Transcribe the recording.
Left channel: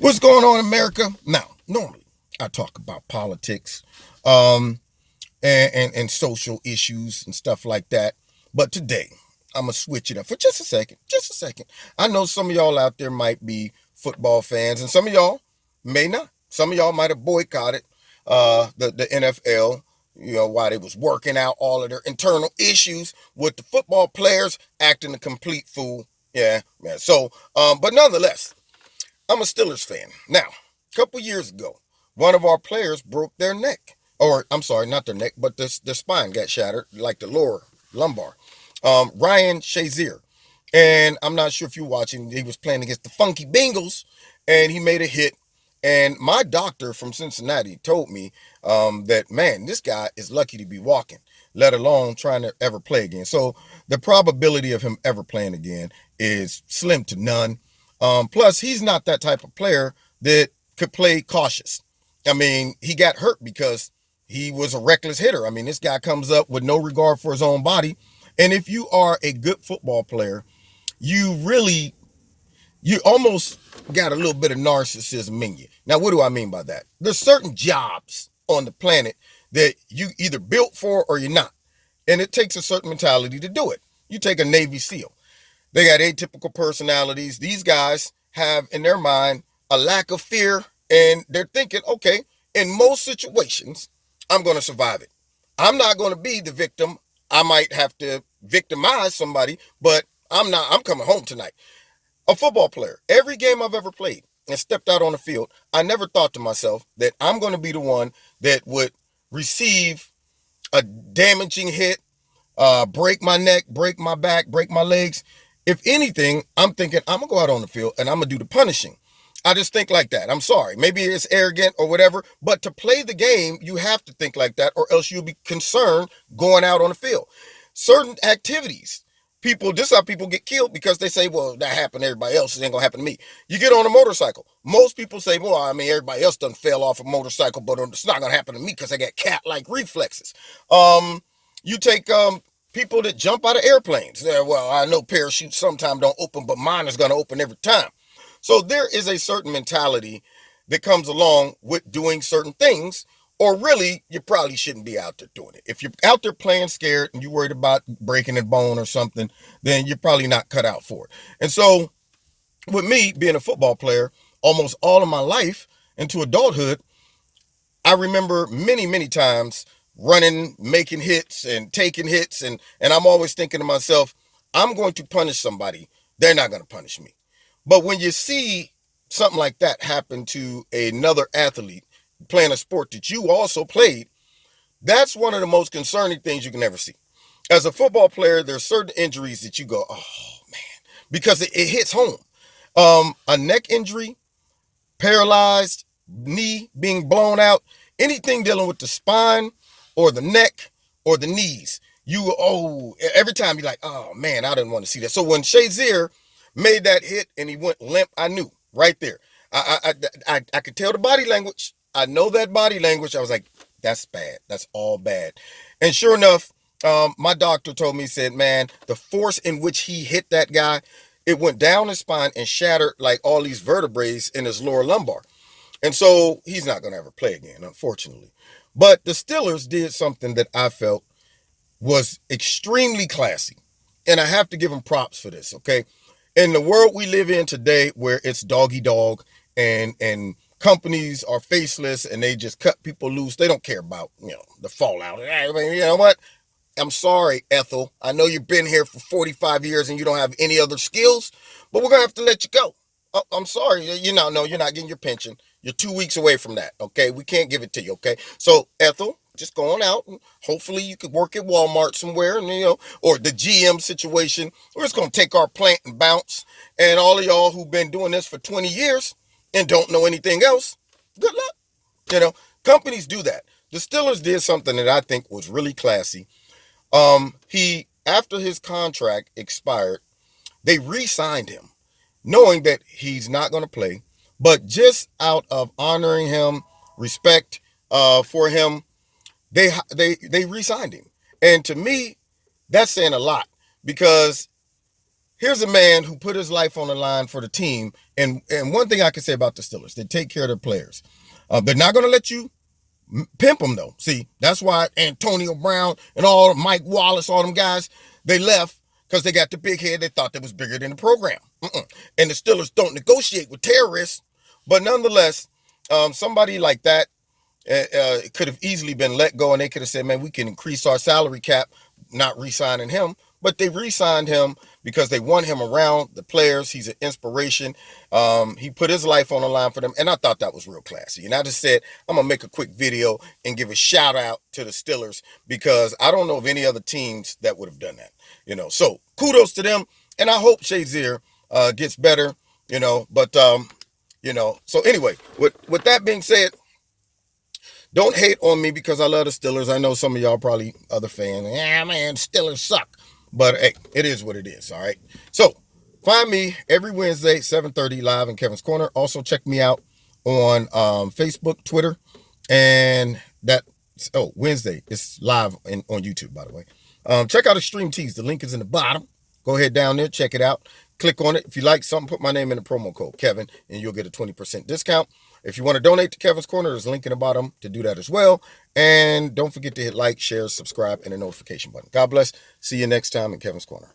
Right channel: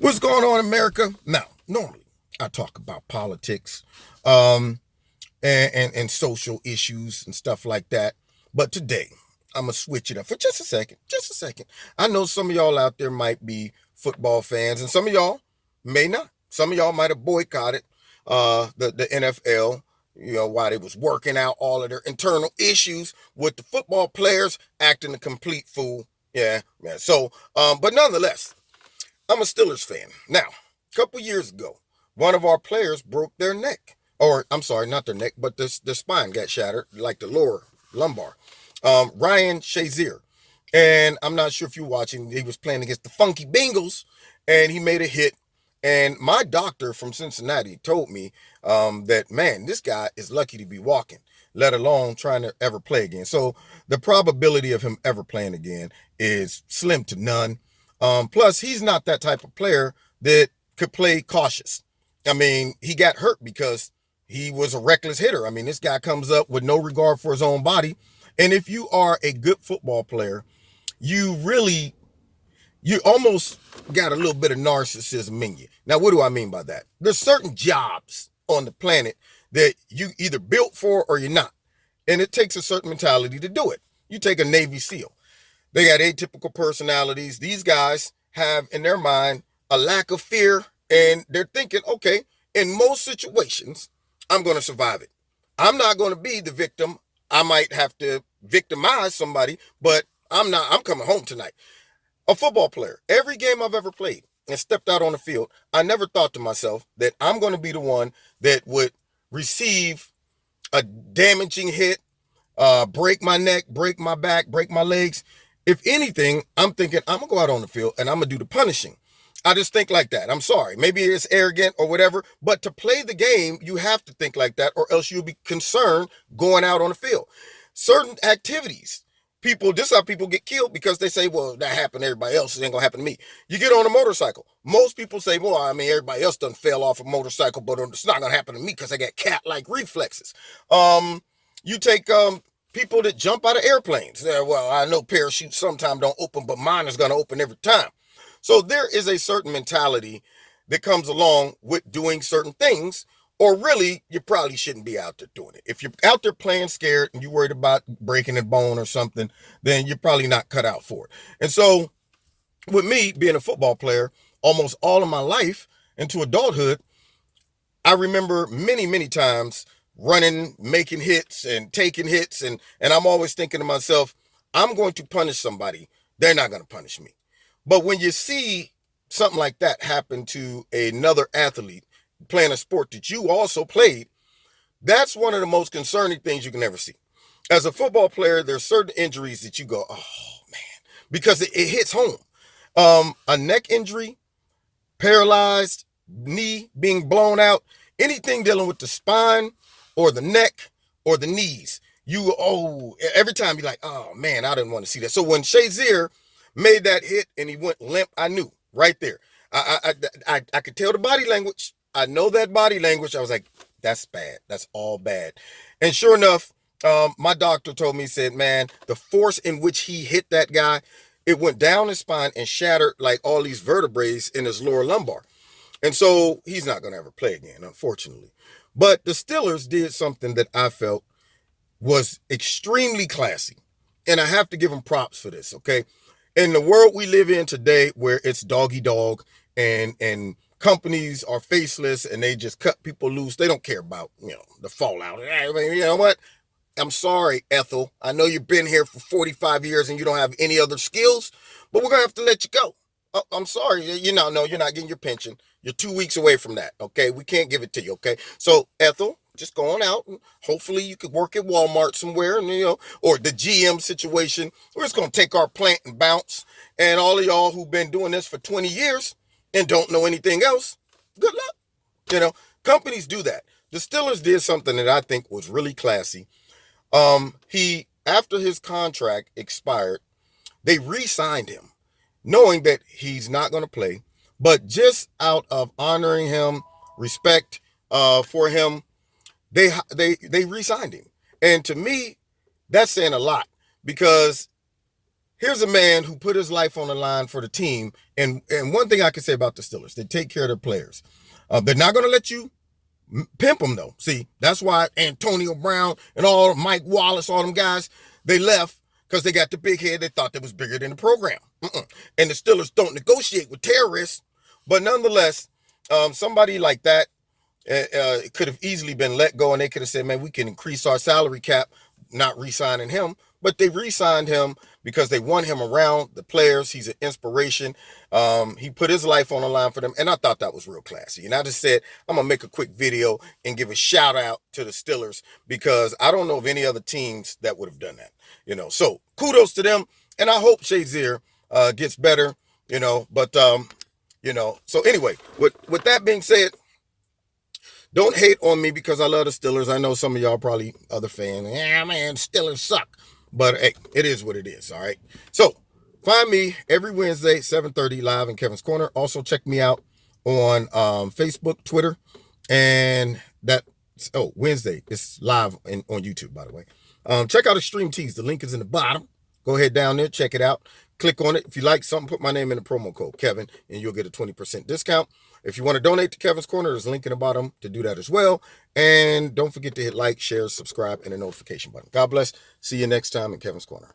What's going on, America? Now, normally I talk about politics, um, and social issues and stuff like that. But today, I'm gonna switch it up for just a second. Just a second. I know some of y'all out there might be football fans, and some of y'all may not. Some of y'all might have boycotted the NFL. You know, while they was working out all of their internal issues with the football players acting a complete fool. Yeah. So, but nonetheless, I'm a Steelers fan. Now, a couple years ago, one of our players broke their neck. Or, I'm sorry, not their neck, but their spine got shattered, like the lower lumbar. Ryan Shazier. And I'm not sure if you're watching, he was playing against the Funky Bengals, and he made a hit. And my doctor from Cincinnati told me that, man, this guy is lucky to be walking, let alone trying to ever play again. So the probability of him ever playing again is slim to none. Plus, he's not that type of player that could play cautious. I mean, he got hurt because he was a reckless hitter. I mean, this guy comes up with no regard for his own body. And if you are a good football player, you almost got a little bit of narcissism in you. Now, what do I mean by that? There's certain jobs on the planet that you either built for or you're not. And it takes a certain mentality to do it. You take a Navy SEAL. They got atypical personalities. These guys have in their mind a lack of fear, and they're thinking, okay, in most situations, I'm going to survive it. I'm not going to be the victim. I might have to victimize somebody, but I'm coming home tonight. A football player, every game I've ever played and stepped out on the field, I never thought to myself that I'm going to be the one that would receive a damaging hit, break my neck, break my back, break my legs. If anything, I'm thinking I'm going to go out on the field and I'm going to do the punishing. I just think like that. I'm sorry. Maybe it's arrogant or whatever, but to play the game, you have to think like that, or else you'll be concerned going out on the field. Certain activities, this is how people get killed, because they say, well, that happened to everybody else. It ain't going to happen to me. You get on a motorcycle. Most people say, well, I mean, everybody else done fell off a motorcycle, but it's not going to happen to me because I got cat-like reflexes. You take people that jump out of airplanes. Well, I know parachutes sometimes don't open, but mine is going to open every time. So there is a certain mentality that comes along with doing certain things, or really, you probably shouldn't be out there doing it. If you're out there playing scared and you're worried about breaking a bone or something, then you're probably not cut out for it. And so with me being a football player almost all of my life into adulthood, I remember many, many times running, making hits and taking hits. And I'm always thinking to myself, I'm going to punish somebody. They're not going to punish me. But when you see something like that happen to another athlete playing a sport that you also played, that's one of the most concerning things you can ever see. As a football player, there's certain injuries that you go, oh man, because it hits home. A neck injury, paralyzed, knee being blown out, anything dealing with the spine or the neck or the knees, every time you're like, oh man, I didn't want to see that. So when Shazier made that hit and he went limp, I knew right there. I could tell the body language. I know that body language. I was like, that's bad. That's all bad. And sure enough, my doctor told me, he said, man, the force in which he hit that guy, it went down his spine and shattered like all these vertebrae in his lower lumbar. And so he's not going to ever play again, unfortunately. But the Steelers did something that I felt was extremely classy. And I have to give them props for this, okay? In the world we live in today, where it's doggy dog and companies are faceless and they just cut people loose, they don't care about, the fallout. You know what? I'm sorry, Ethel. I know you've been here for 45 years and you don't have any other skills, but we're going to have to let you go. I'm sorry. You're not getting your pension. You're 2 weeks away from that, okay? We can't give it to you, okay? So, Ethel, just going out, and hopefully you could work at Walmart somewhere, and or the GM situation. We're just going to take our plant and bounce. And all of y'all who've been doing this for 20 years and don't know anything else, good luck. Companies do that. The Steelers did something that I think was really classy. After his contract expired, they re-signed him, knowing that he's not going to play, but just out of honoring him, respect for him, they re-signed him. And to me, that's saying a lot, because here's a man who put his life on the line for the team. And one thing I can say about the Steelers, they take care of their players. They're not going to let you pimp them, though. See, that's why Antonio Brown and all Mike Wallace, all them guys, they left because they got the big head. They thought they was bigger than the program. And the Steelers don't negotiate with terrorists. But nonetheless, somebody like that could have easily been let go, and they could have said, man, we can increase our salary cap, not re-signing him. But they re-signed him because they want him around the players. He's an inspiration. He put his life on the line for them, and I thought that was real classy. And I just said, I'm going to make a quick video and give a shout out to the Steelers, because I don't know of any other teams that would have done that. So kudos to them, and I hope Shazier gets better, but, so anyway, with that being said, don't hate on me because I love the Steelers. I know some of y'all probably other fans. Yeah, man, Steelers suck. But hey, it is what it is, all right? So find me every Wednesday, 7:30 live in Kevin's Corner. Also check me out on Facebook, Twitter, and Wednesday it's live on YouTube, by the way. Check out Extreme Tees. The link is in the bottom. Go ahead down there, check it out. Click on it. If you like something, put my name in the promo code, Kevin, and you'll get a 20% discount. If you want to donate to Kevin's Corner, there's a link in the bottom to do that as well. And don't forget to hit like, share, subscribe, and the notification button. God bless. See you next time in Kevin's Corner.